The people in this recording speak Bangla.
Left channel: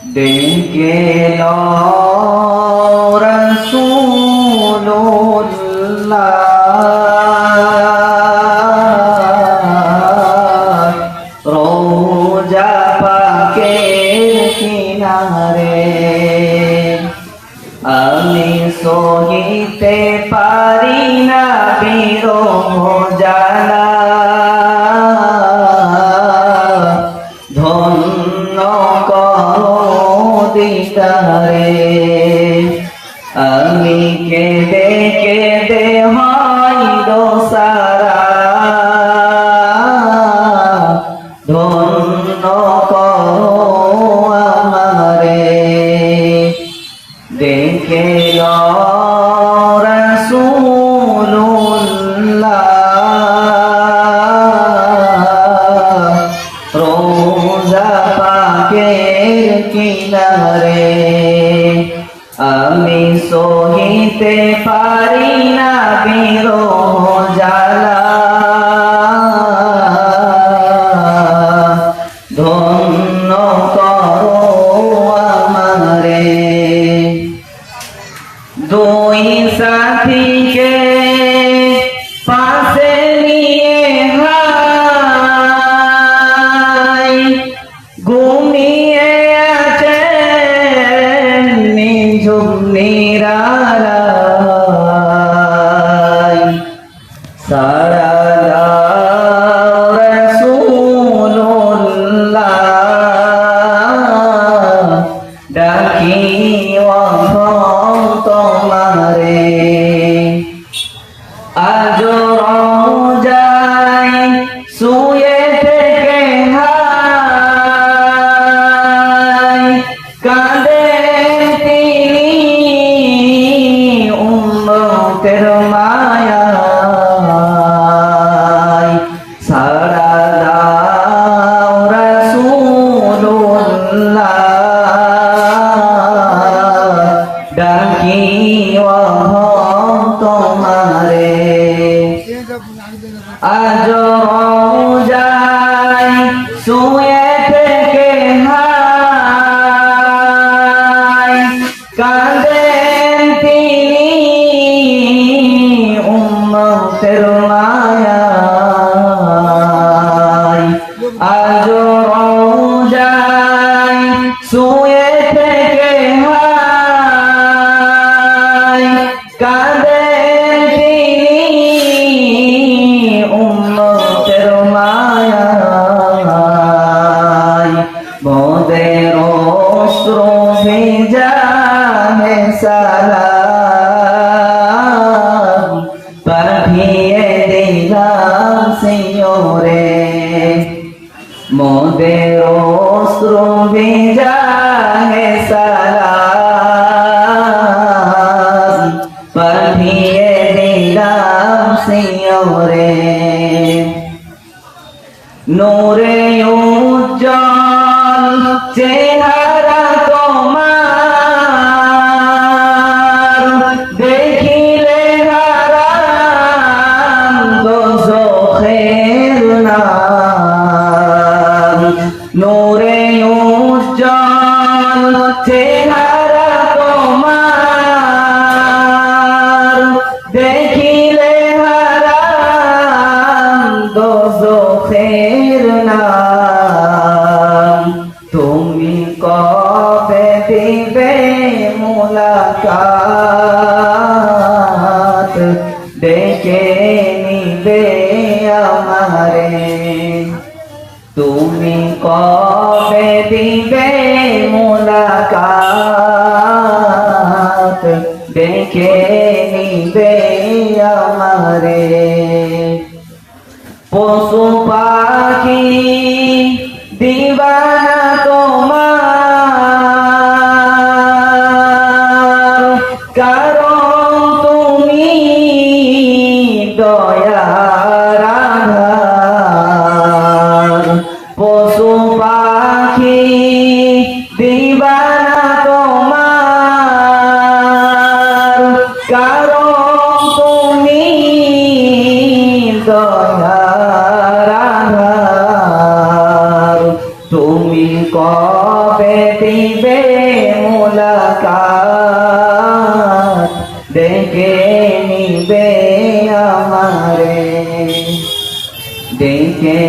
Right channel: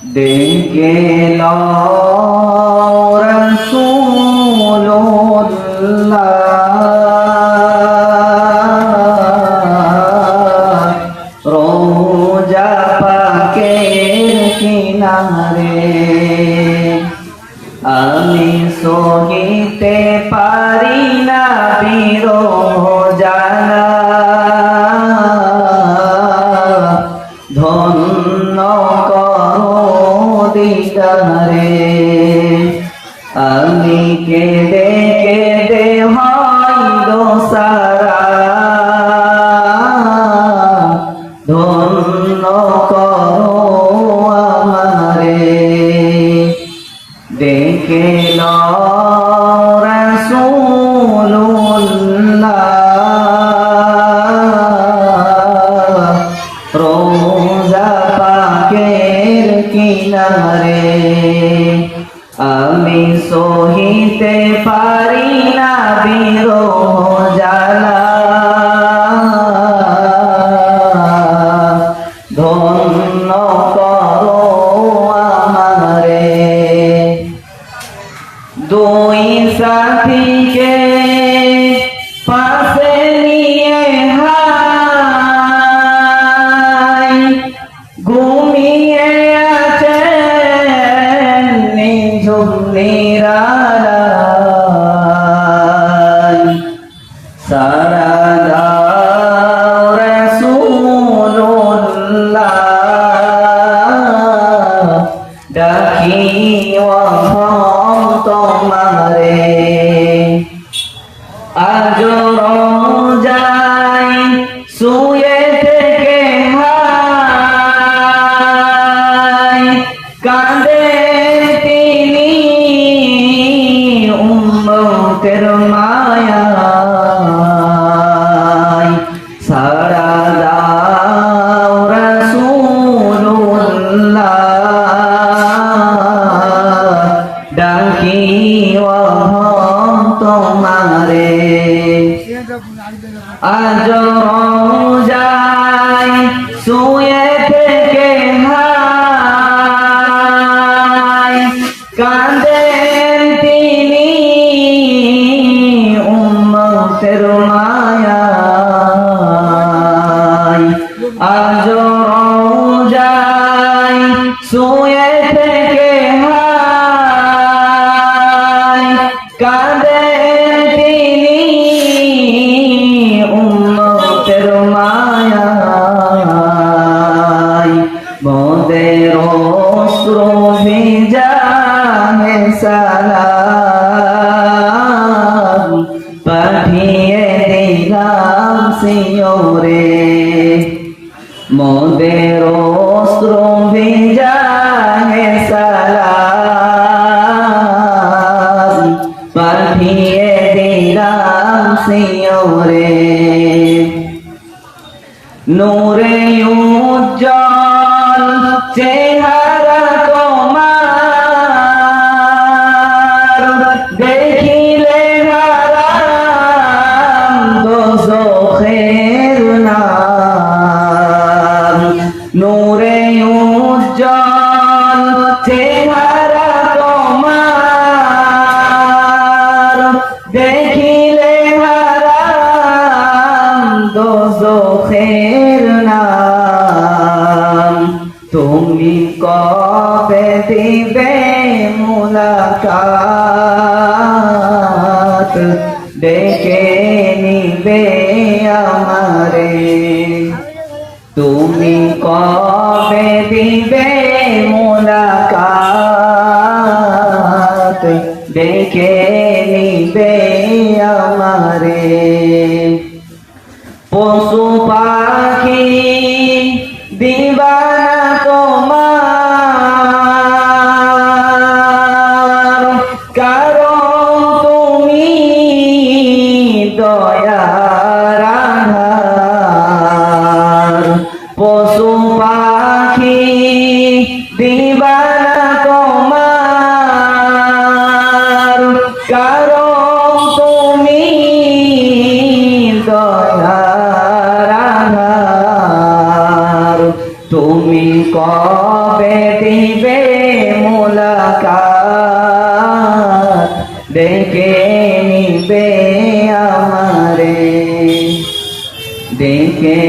ডেকে লও রাসূলুল্লাহ রোজা পাকের কিনারে আমি সহিতে পারি না বিরহ জানা ধন্য করো দিদারে আমি কেঁদে কেঁদে হয় দোসারা ধন্য করো আমারে দেখে লও রাসূলুল্লাহ রোজা পাকের কিনারে আমি সহিতে পারি না বিরহ জ্বালা ধন্য করো আমারে দুই সাথীকে পাশে নিয়ে হাই ঘুমিয়ে আছেন নিঝুম নিরালায় সারা দাও রাসূলুল্লাহ ডাকি তোমারে আজ রোজায় শুয়ে থেকে হাই কাঁদে তিনি উম্মতের মায়ায় সারা দাও রাসূলুল্লাহ ডাকি তোমারে আজ রোজায় শুয়ে থেকে হাই কাঁদেন তিনি উম্মতের মায়ায় আজ রোজায় শুয়ে থেকে হাই কাঁদেন তিনি উম্মতের মায়ায় মোদের অশ্রু ভেজা হে সালাম পাঠিয়ে দিলাম শিওরে মোদের অশ্রু ভেজা হে সালাম পাঠিয়ে দিলাম শিওরে নূরে উজ্জ্বল চেহারা তোমার দেখিলে হারাম দোজখের নাম নূরে উজ্জ্বল চেহারা তোমার দেখিলে হারাম দোজখের নাম তুমি কবে দিবে মুলাকাত ডেকে নিবে আমারে তুমি কবে দিবে মুলাকাত ডেকে নিবে আমারে পশু পাখি দিবানা তোমার কারণ তুমি দয়ার আধার পশু পাখি দিবানা তোমার হবে দিবে মুলাকাত ডেকে নিবে আমারে ডেকে